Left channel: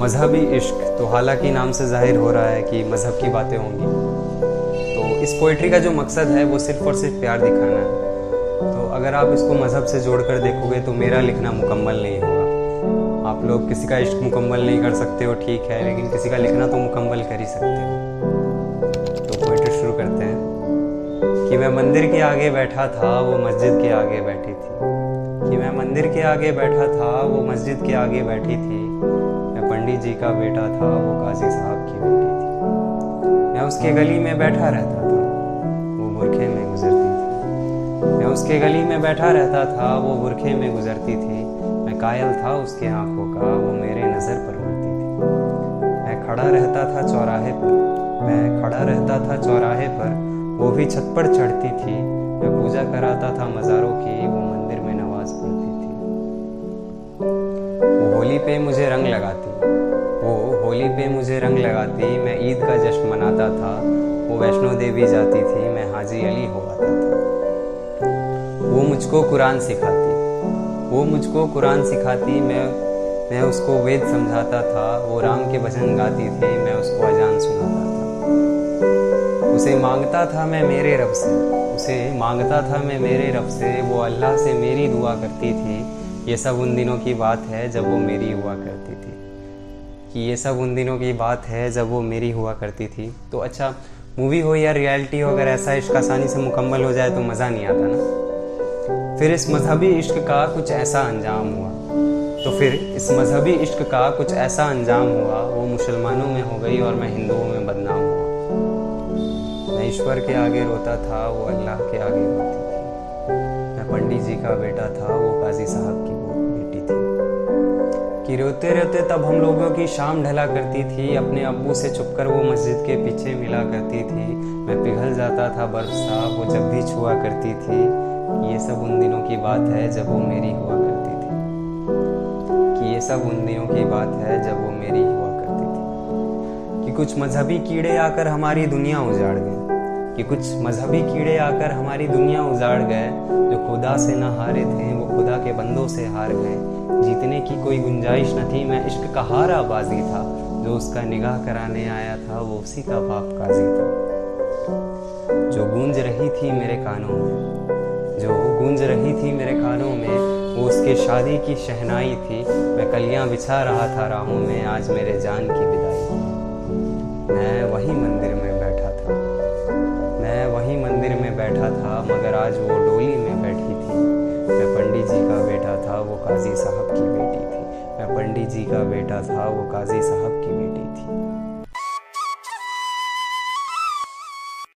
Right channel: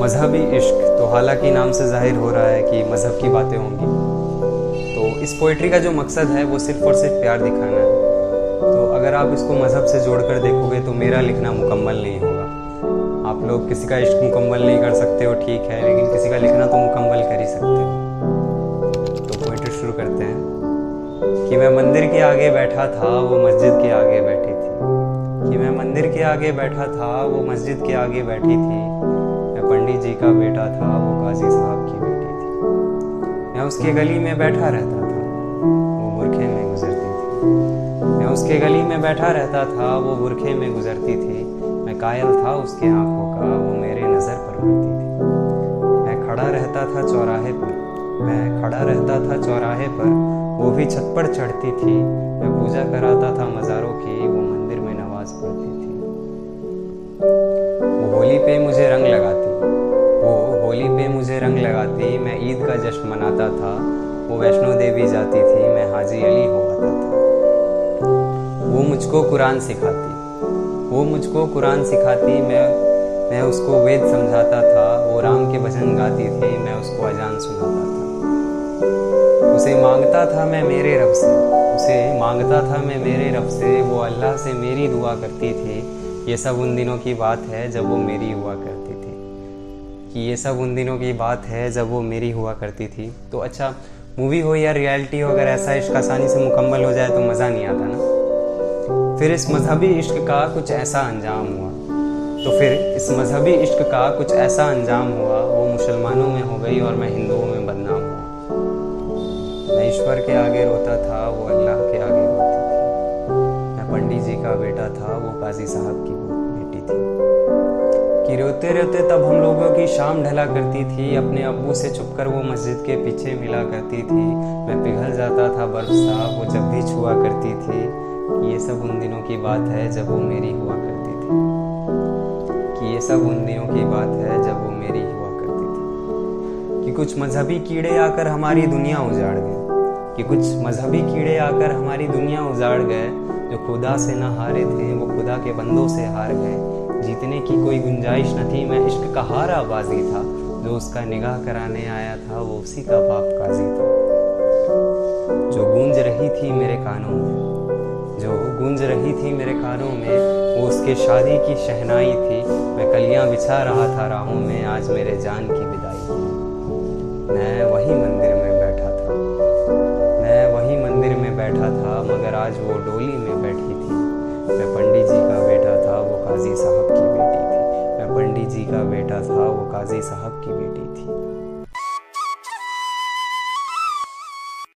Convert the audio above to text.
मजहबी इश्क, तो हालांकि नाम से जाहिर हो रहा है कि मज़हब की बातें होंगी। तो इस पोइट्री का जो मकसद है वो सिर्फ़ और सिर्फ प्यार दिखाना है। तो अगर आप इसको मज़हब से जोड़कर देखोगे तो मेरा लिखना मुकम्मल नहीं होगा। आप लोग किसी का इश्क मुकम्मल नहीं कर सकते हो, ठीक है, लेकिन किसी का लिखना तो मुकम्मल कर ही सकते हो। तो पोइट्री शुरू करते हैं कि मैं मंदिर के आगे बैठा था, वो मस्जिद के आगे बैठी थी। कि मैं मंदिर के आगे बैठा था, वो मस्जिद के आगे बैठी थी। मैं पंडित जी का बेटा था, वो काजी साहब की बेटी थी। मैं उसके गली में बैठा रहता था, वो बुरखे में गुजरती थी। मैं उसके गली में बैठा रहता था, वो बुरखे में गुजरती थी। मैं कायल था उसके आंखों का, वो मेरे नज़र पर मरती थी। मैं खड़ा रहता था चौराहे पर, मैं खड़ा रहता था चौराहे पर, वो भी छत पर चढ़ती थी। मैं पूजा कराता था मज़ारों की, वो मंदिर में नमाज पढ़ती थी। वो होली पे मुझे रंग लगाती, वो होली पे मुझे रंग लगाती। मैं ईद का जश्न मनाता था, वो वैष्णो देवी जाती थी। मैं हाजी अली हो आता था। वो मुझको कुरान सिखाती, वो मुझको कुरान सिखाती। मैं उसको वेद समझाता था। वो राम के भजन गाती थी, मैं उसको अजान सुनाता था। उसे मांगता था मैं मेरे रब से, उसे मांगता था मैं मेरे रब से। वो अल्लाह से मेरी दुआ करती थी। ये सब उन दिनों की बात है जब वो मेरी हुआ करती थी। कि ये सब उन दिनों की बात है जब वो मेरी हुआ करती थी। तो अच्छा, मूवी हो या रियलिटी हो, अगर ऐसा इश्क आसानी से मुकम्मल हो जाए तो मज़ा नहीं आता ना। फिर इस मजहबी इश्क का कुछ ऐसा अंजाम हुआ, तो फिर इस मजहबी इश्क का कुछ ऐसा अंजाम हुआ। वो मुसलमानों में हो गई और मैं हिंदुओं में बदनाम हुआ। मैं ईश्वर के आगे रोता था, वो अल्लाह के आगे रोती थी। मैं पंडित जी का बेटा था, वो काजी साहब की बेटी थी। कि रोते रोते तब हम लोगों की शाम ढला करती थी। अपने अब्बू से छुपकर वो मस्जिद के पीछे मिला करती थी। मैं पिघल जाता था बर्फ सा, वो जब भी छुआ करती थी। कि ये सब उन दिनों की बात है जब वो मेरी हुआ करती थी। कि ये सब उन दिनों की बात है जब वो मेरी हुआ करती थी। कि कुछ मजहबी कीड़े आकर हमारी दुनिया उजाड़ गए, कि कुछ मजहबी कीड़े आकर हमारी दुनिया उजाड़ गए। जो खुदा से ना हारे थे वो खुदा के बंदों से हार गए। जीतने की कोई गुंजाइश न थी, मैं इश्क का हारा बाजी था। जो उसका निगाह कराने आया था वो उसी का बाप काजी था। जो गूंज रही थी मेरे कानों में, जो गूंज रही थी मेरे कानों में, वो उसके शादी की शहनाई थी। मैं कलियां बिछा रहा था राहों में, आज मेरे जान की विदाई थी। मैं वही मंदिर में बैठा था, मैं वही मंदिर में बैठा था, मगर आज वो डोली में बैठी थी। मैं पंडित जी का बेटा था, वो काजी साहब की बेटी थी। मैं पंडित जी का बेटा था, वो काजी साहब की बेटी थी।